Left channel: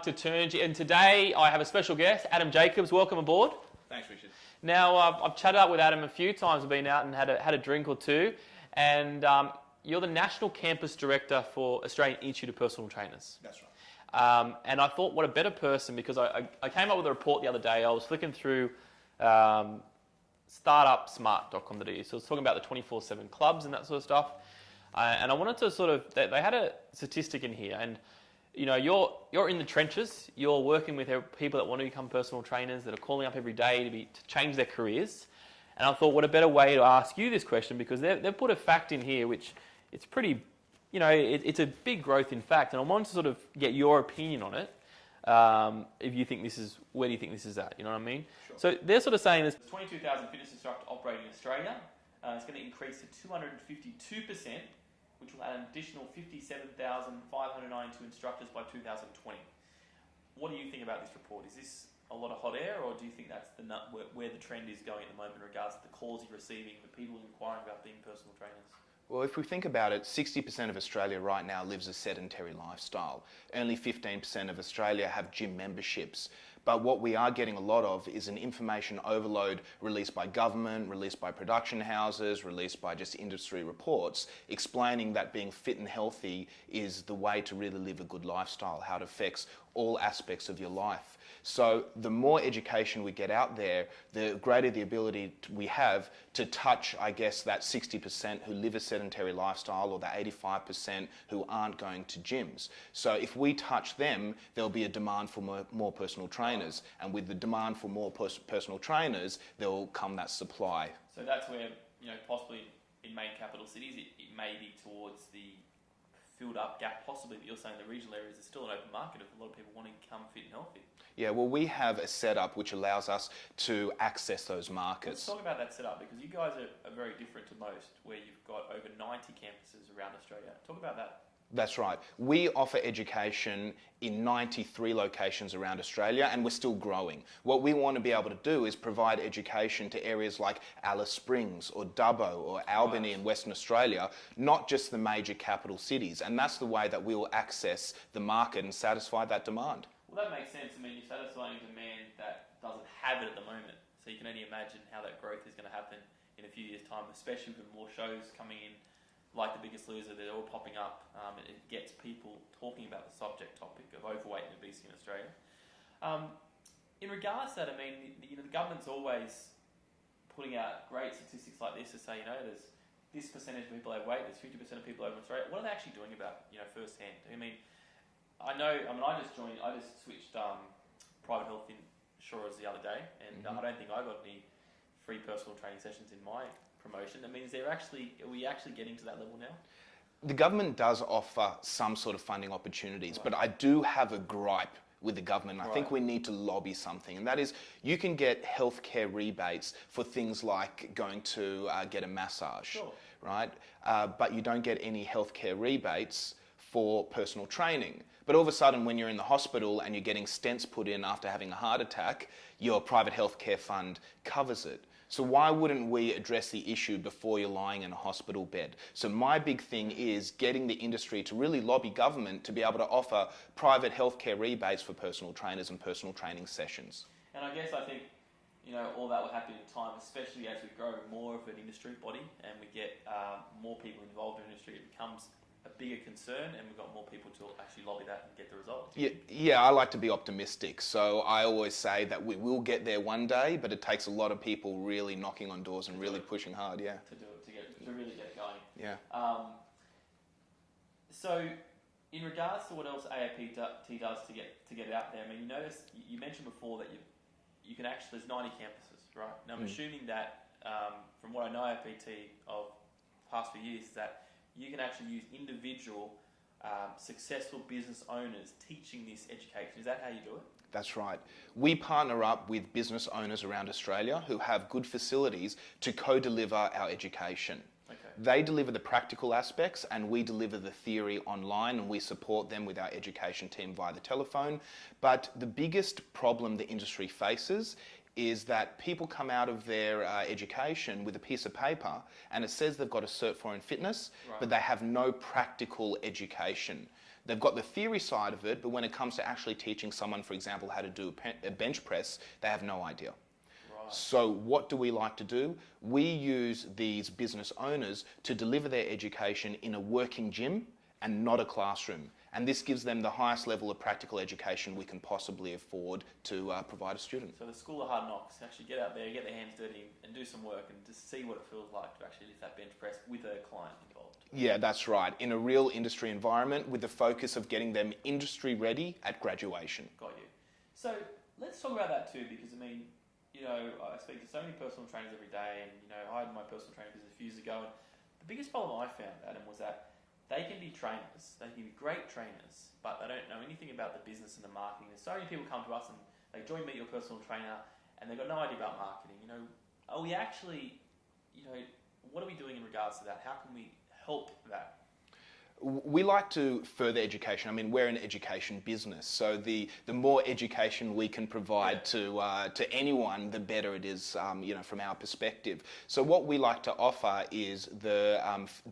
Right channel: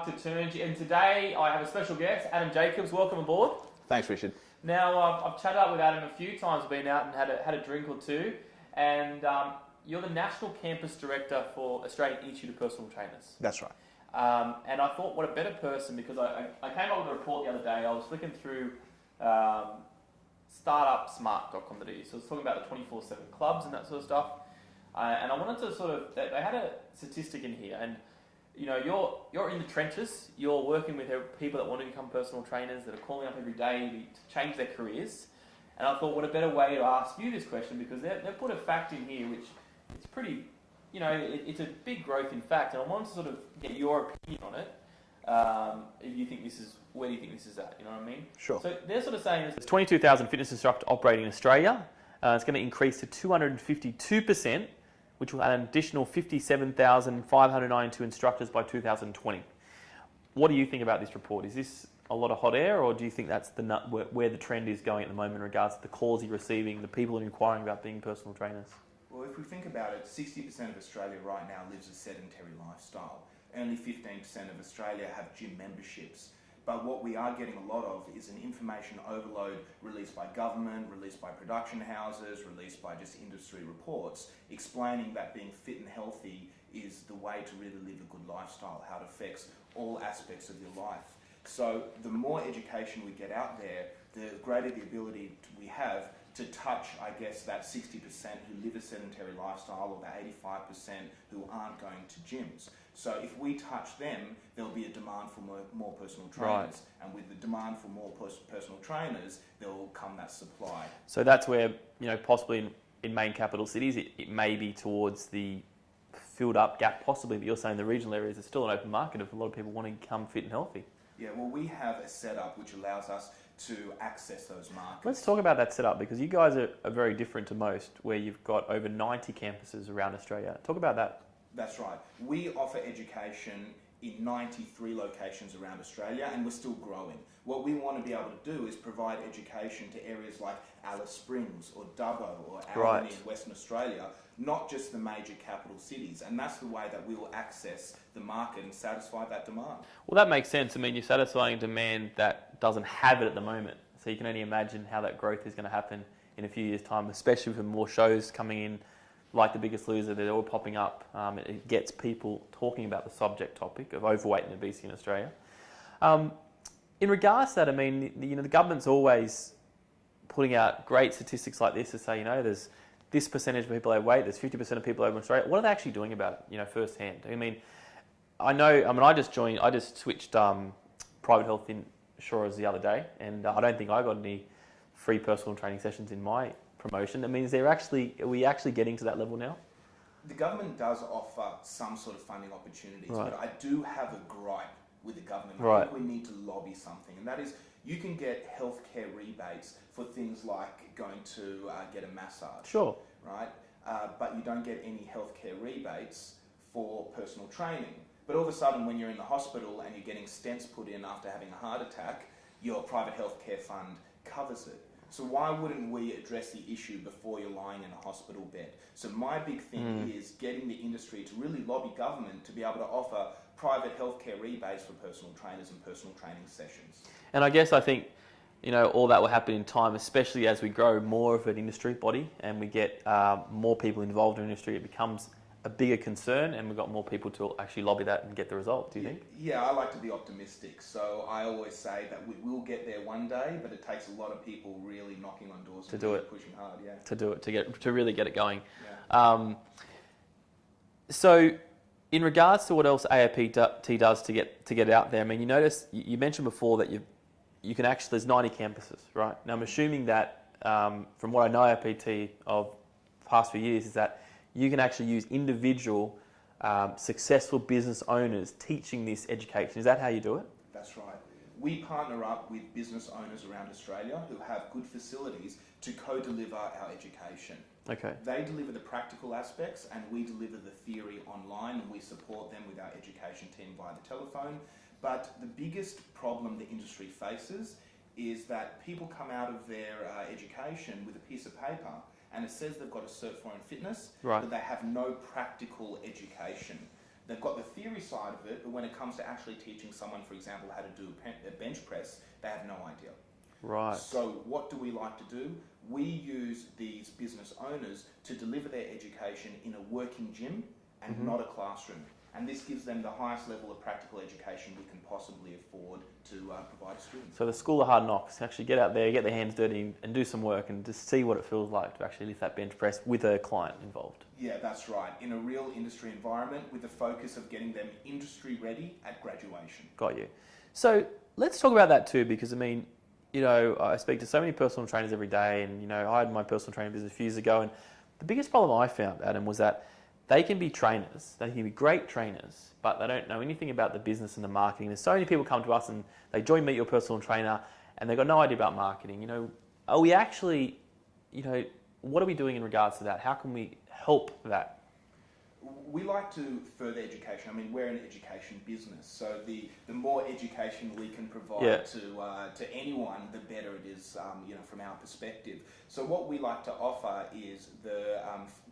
Mark to Turnge, and today I have a special guest, Adam Jacobs. Welcome aboard. Thanks, Richard. Now, I've chatted up with Adam a few times, I've been out and had a drink or two, and you're the National Campus Director for Australian Institute of Personal Trainers. That's right. And I thought, what a better person, because I came up with a report the other day. I was flicking through startupsmart.com.au, so I was talking about the 24/7 clubs and that sort of stuff. And I wanted to sort of, they had a statistic in here, and you know, you're in the trenches, you're working with people that want to become personal trainers, that are calling up every day to change their careers. And I thought, what a better way to ask you this question, because they've put a fact in here which it's pretty, you know, it's a big growth in fact, and I wanted to sort of get your opinion on it. If you think where do you think this is at? You know what I mean? Sure. So they're sort of saying there's 22,000 fitness instructors operating in Australia. It's going to increase to 252%, which will add an additional 57,592 instructors by 2020. What do you think about this report? Is this a lot of hot air, or do you think that's where the trend is going at the moment in regards to the calls you're receiving, the people inquiring about being personal trainers? Well, if we think about it, 60% of Australia right now lives a sedentary lifestyle. Only 15% of Australia have gym memberships. But what we are getting a lot of is an information overload released by government, released by production houses, released by just industry reports, explaining that being fit and healthy is the way to really live a good lifestyle, how it affects all aspects of your life. So the more education we get out there, the greater the ability we have to touch, I guess, that 60% who live a sedentary lifestyle, or that 85% who aren't going to gyms. So if we touch them, there'll be a demand for more personal trainers. Right. And with the demand for more personal trainers, there will come that supply. So that's where, you know, possibly in main capital cities, it may be towards the filled up gap possibly, but you're saying the regional areas are still an open market if a lot of people want to become fit and healthy. Yeah, well, we have a setup which allows us to access those markets. Let's talk about that setup, because you guys are very different to most, where you've got over 90 campuses around Australia. Talk about that. That's right. We offer education in 93 locations around Australia, and we're still growing. What we want to be able to do is provide education to areas like Alice Springs or Dubbo or Albany in Western Australia, not just the major capital cities. And that's the way that we will access the market and satisfy that demand. Well, that makes sense. I mean, you're satisfying demand that doesn't have it at the moment. So you can only imagine how that growth is going to happen in a few years' time, especially with more shows coming in, like The Biggest Loser. They're all popping up. It gets people talking about the subject topic of overweight and obesity in Australia. In regards to that, I mean, you know, the government's always putting out great statistics like this to say, you know, there's this percentage of people overweight, there's 50% of people over in Australia. What are they actually doing about it, you know, firsthand? I just switched private health insurers the other day, and I don't think I got any free personal training sessions in my promotion. I mean, are we actually getting to that level now? The government does offer some sort of funding opportunities, but I do have a gripe with the government. I think we need to lobby something, and that is, you can get healthcare rebates for things like going to get a massage, sure, right? But you don't get any healthcare rebates for personal training. But all of a sudden, when you're in the hospital and you're getting stents put in after having a heart attack, your private healthcare fund covers it. So why wouldn't we address the issue before you're lying in a hospital bed? So my big thing is getting the industry to really lobby government to be able to offer private healthcare rebates for personal trainers and personal training sessions. And I think, you know, all that will happen in time, especially as we grow more of an industry body and we get more people involved in the industry. It becomes a bigger concern, and we've got more people to actually lobby that and get the result. Do you think? Yeah, I like to be optimistic. So I always say that we will get there one day, but it takes a lot of people really knocking on doors and really pushing hard. Yeah, to do it, to really get it going. Yeah. So, in regards to what else AIPT does to get it out there, I mean, you mentioned before that you can actually, there's 90 campuses, right? Now I'm assuming that from what I know AIPT of the past few years is that you can actually use individual successful business owners teaching this education. Is that how you do it? That's right. We partner up with business owners around Australia who have good facilities to co-deliver our education. Okay. They deliver the practical aspects and we deliver the theory online, and we support them with our education team via the telephone. But the biggest problem the industry faces is that people come out of their education with a piece of paper and it says they've got a Cert 4 in fitness, but they have no practical education. They've got the theory side of it, but when it comes to actually teaching someone, for example, how to do a bench press, they have no idea. Right. So what do we like to do? We use these business owners to deliver their education in a working gym and not a classroom. And this gives them the highest level of practical education we can possibly afford to provide a student. So the school of hard knocks, actually get out there, get their hands dirty and do some work and just see what it feels like to actually lift that bench press with a client involved. Yeah, that's right. In a real industry environment with the focus of getting them industry ready at graduation. Got you. So let's talk about that too, because I mean, you know, I speak to so many personal trainers every day, and you know, I had my personal training business a few years ago, and the biggest problem I found, Adam, was that they can be trainers, they can be great trainers, but they don't know anything about the business and the marketing. There's so many people come to us and they join Meet Your Personal Trainer and they've got no idea about marketing. You know, are we actually, you know, what are we doing in regards to that? How can we help that? We like to further education. I mean, we're an education business, so the more education we can provide to anyone, the better it is, you know, from our perspective. So what we like to offer is the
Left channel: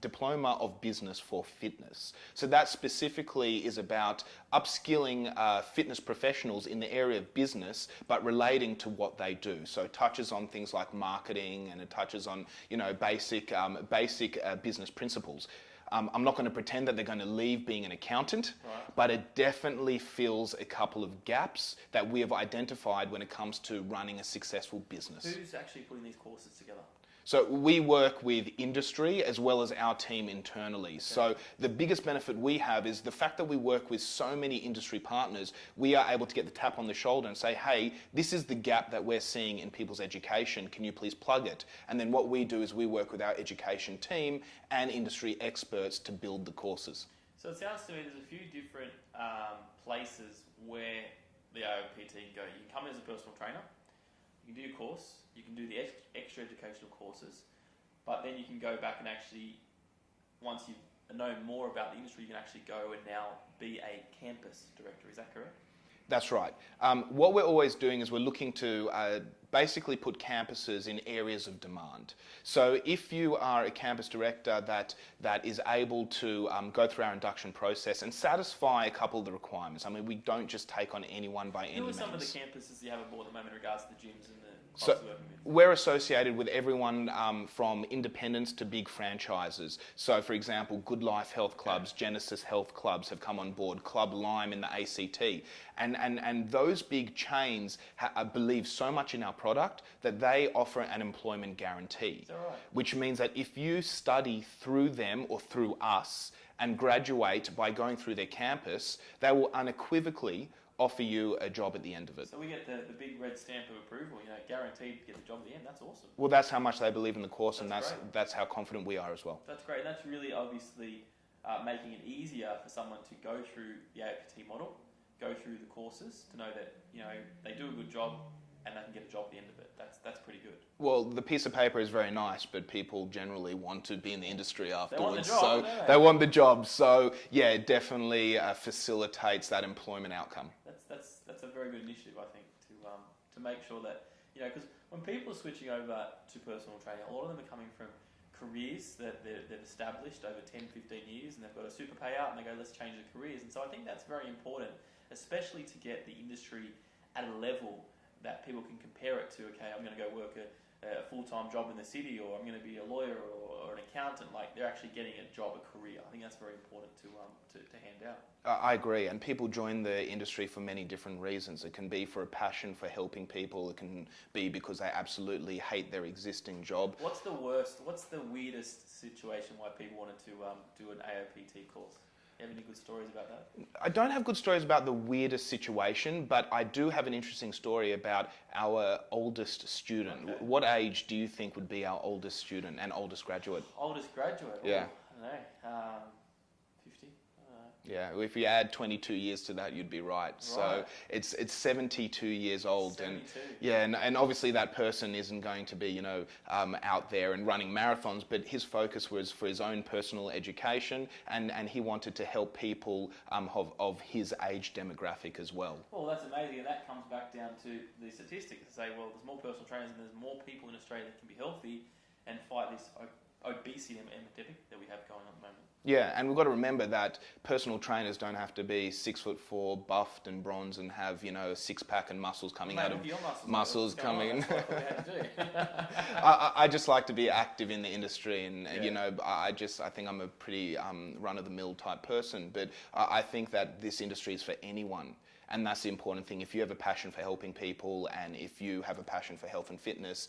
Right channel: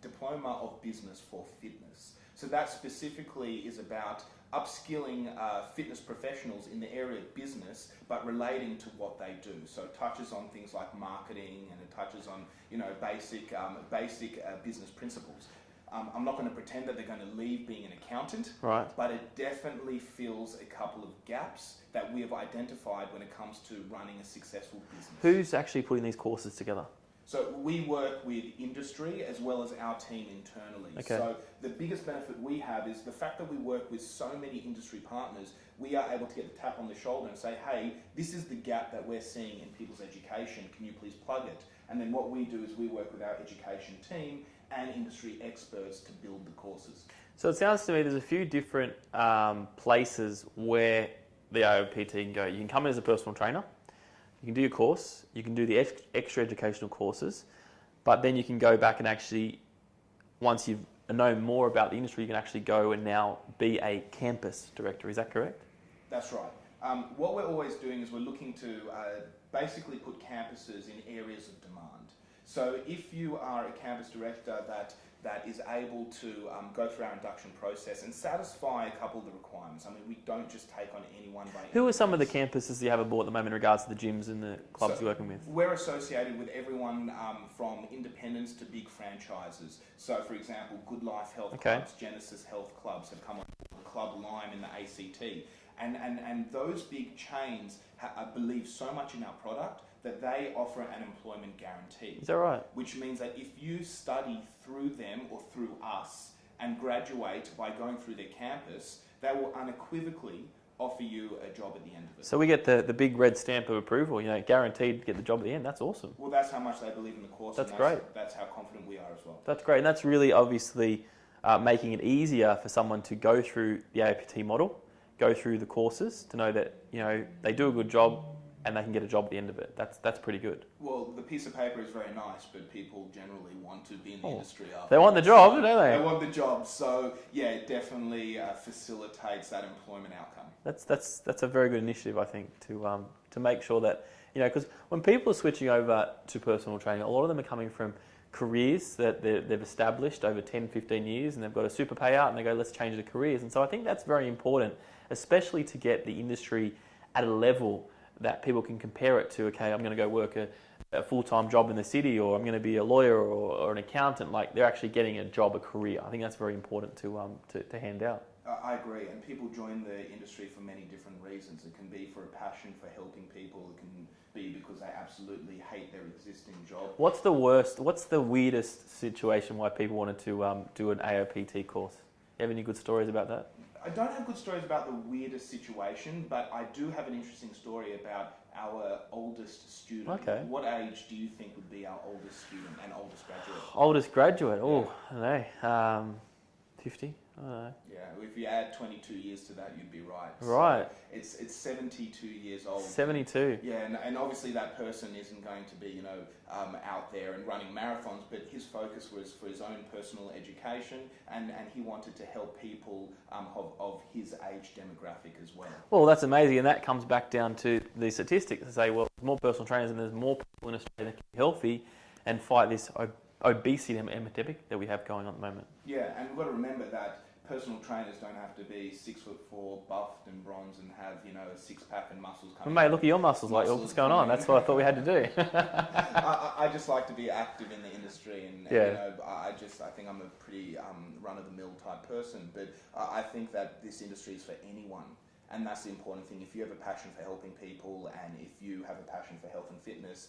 Diploma of Business for Fitness. So that specifically is about upskilling fitness professionals in the area of business, but relating to what they do. So it touches on things like marketing, and it touches on, you know, basic business principles. I'm not going to pretend that they're going to leave being an accountant, right, but it definitely fills a couple of gaps that we have identified when it comes to running a successful business. Who's actually putting these courses together? So we work with industry as well as our team internally. Okay. So the biggest benefit we have is the fact that we work with so many industry partners, we are able to get the tap on the shoulder and say, hey, this is the gap that we're seeing in people's education. Can you please plug it? And then what we do is we work with our education team and industry experts to build the courses. So it sounds to me there's a few different places where the AIPT can go. You can come in as a personal trainer. You can do your course, you can do the extra educational courses, but then you can go back and actually, once you know more about the industry, you can actually go and now be a campus director. Is that correct? That's right. What we're always doing is we're looking to basically put campuses in areas of demand. So if you are a campus director that is able to go through our induction process and satisfy a couple of the requirements. I mean, we don't just take on anyone by any means. Who are some of the campuses you have aboard at the moment in regards to the gyms and the clubs you're working with? We're associated with everyone from independents to big franchises. So for example, Good Life Health Clubs, Genesis Health Clubs have come on board, Club Lime in the ACT. And those big chains believe so much in our product that they offer an employment guarantee. Is that right? Which means that if you study through them or through us and graduate by going through their campus, they will unequivocally offer you a job at the end of it. So we get the big red stamp of approval, you know, guaranteed to get the job at the end. That's awesome. Well, that's how much they believe in the course. That's great. That's how confident we are as well. That's great. And that's really obviously making it easier for someone to go through the AIPT model, go through the courses to know that, you know, they do a good job and they can get a job at the end of it. That's pretty good. Well, the piece of paper is very nice, but people generally want to be in the industry after. They want the job, don't they? They want the job. So yeah, it definitely facilitates that employment outcome. That's a very good initiative, I think, to make sure that, you know, because when people are switching over to personal training, a lot of them are coming from careers that they've established over 10, 15 years, and they've got a super payout and they go, let's change the careers. And so I think that's very important, especially to get the industry at a level that people can compare it to, okay, I'm going to go work a full-time job in the city, or I'm going to be a lawyer or an accountant. Like, they're actually getting a job, a career. I think that's very important to hand out. I agree, and people join the industry for many different reasons. It can be for a passion for helping people. It can be because they absolutely hate their existing job. What's the weirdest situation why people wanted to do an AIPT course? You have any good stories about that? I don't have good stories about the weirdest situation, but I do have an interesting story about our oldest student. Okay. What age do you think would be our oldest student and oldest graduate? Oldest graduate? Yeah. Oh, I don't know. 50? I don't know. Yeah, if you add 22 years to that, you'd be right. Right. So it's 72 years old. 72. And obviously that person isn't going to be, you know, out there and running marathons, but his focus was for his own personal education, and he wanted to help people of his age demographic as well. Well, that's amazing, and that comes back down to the statistics to say, well, more personal trainers and there's more people in Australia that can be healthy and fight this obesity epidemic that we have going on at the moment. Yeah, and we've got to remember that personal trainers don't have to be 6'4", buffed and bronze, and have a six-pack and muscles coming. Well, mate, look at your muscles. What's going on? That's what I thought we had to do. I just like to be active in the industry, and I think I'm a pretty run-of-the-mill type person. But I think that this industry is for anyone. And that's the important thing. If you have a passion for helping people, and if you have a passion for health and fitness,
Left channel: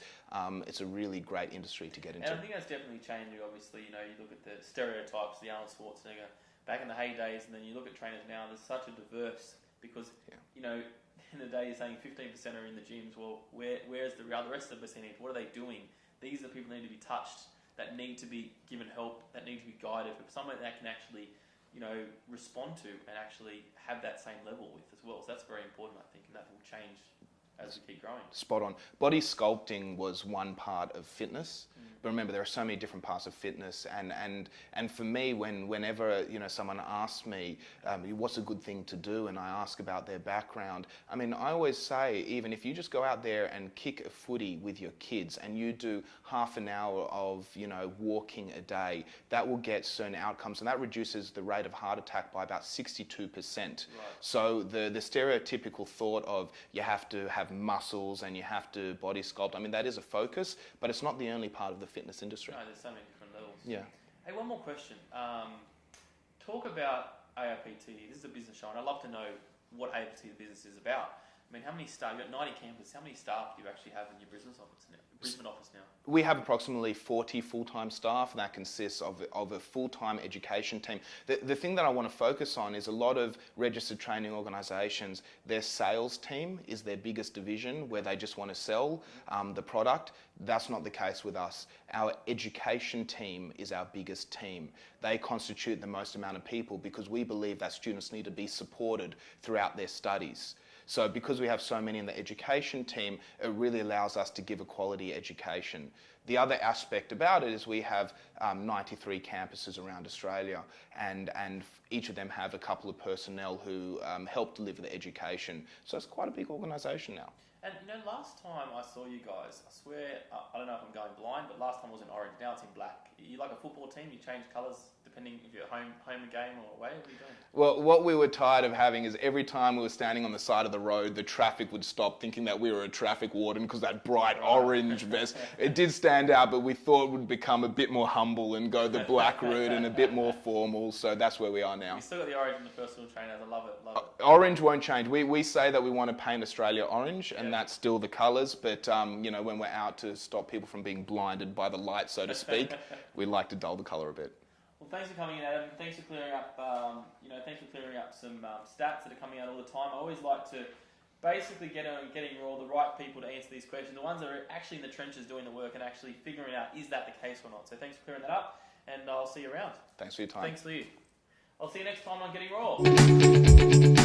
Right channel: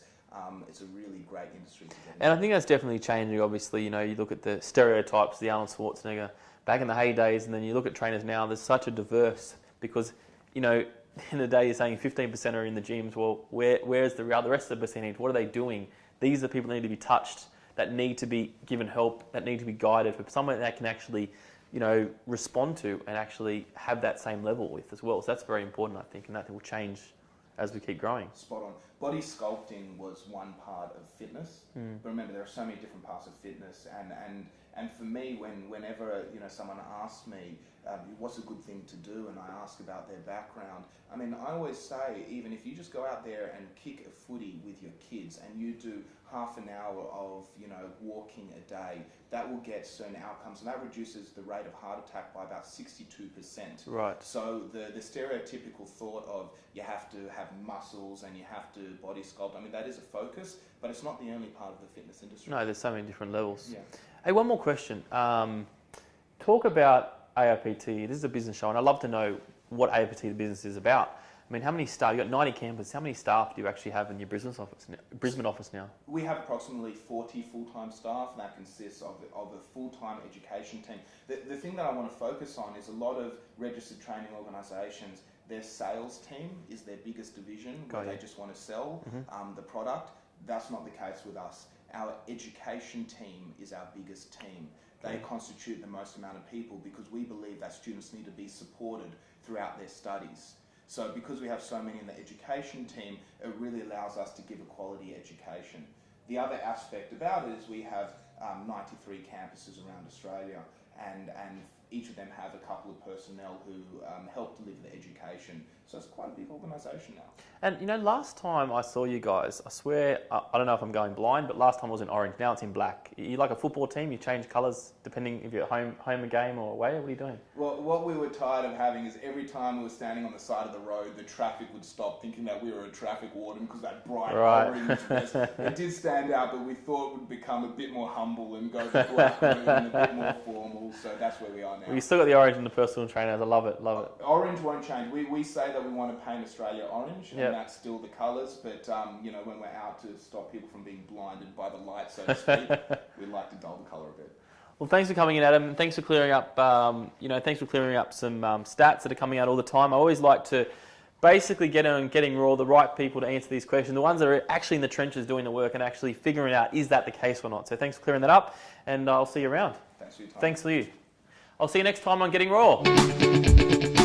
it's a really great industry to get into. And I think that's definitely changing. Obviously, you look at the stereotypes, the Arnold Schwarzenegger back in the heydays, and then you look at trainers now. There's such a diverse, because in the day you're saying 15% are in the gyms. Well, where's the rest of the percentage? What are they doing? These are the people that need to be touched, that need to be given help, that need to be guided for someone that can actually respond to and actually have that same level with as well. So that's very important, I think, and that will change as we keep growing. Spot on. Body sculpting was one part of fitness, but remember there are so many different parts of fitness. And for me, whenever someone asks me what's a good thing to do, and I ask about their background, I mean, I always say, even if you just go out there and kick a footy with your kids, and you do half an hour of walking a day, that will get certain outcomes, and that reduces the rate of heart attack by about 62%. Right. So the stereotypical thought of you have to have muscles and you have to body sculpt, I mean, that is a focus, but it's not the only part of the fitness industry. No, there's so many different levels. Yeah. Hey, one more question. Talk about AIPT. This is a business show, and I'd love to know what AIPT, the business, is about. I mean, how many staff? You've got 90 campus. How many staff do you actually have in your Brisbane office now? We have approximately 40 full-time staff, and that consists of a full-time education team. The thing that I want to focus on is a lot of registered training organisations, their sales team is their biggest division, where they just want to sell the product. That's not the case with us. Our education team is our biggest team. They constitute the most amount of people, because we believe that students need to be supported throughout their studies. So because we have so many in the education team, it really allows us to give a quality education. The other aspect about it is we have 93 campuses around Australia, and each of them have a couple of personnel who help deliver the education. So it's quite a big organisation now. And last time I saw you guys, I swear, I don't know if I'm going blind, but last time it was in orange, now it's in black. You like a football team, you change colours depending if you're at home a game or away, what are you doing? Well, what we were tired of having is every time we were standing on the side of the road, the traffic would stop, thinking that we were a traffic warden because that bright orange vest. It did stand out, but we thought it would become a bit more humble and go the black route and a bit more formal, so that's where we are now. You still got the orange and the personal trainers, I love it. Orange won't change. We say that we want to paint Australia orange, and that's still the colours, but when we're out to stop people from being blinded by the light, so to speak, we like to dull the colour a bit. Well, thanks for coming in, Adam. Thanks for clearing up, thanks for clearing up some stats that are coming out all the time. I always like to basically getting raw, the right people to answer these questions, the ones that are actually in the trenches doing the work and actually figuring out, is that the case or not? So thanks for clearing that up, and I'll see you around. Thanks for your time. Thanks for you. I'll see you next time on Getting Raw.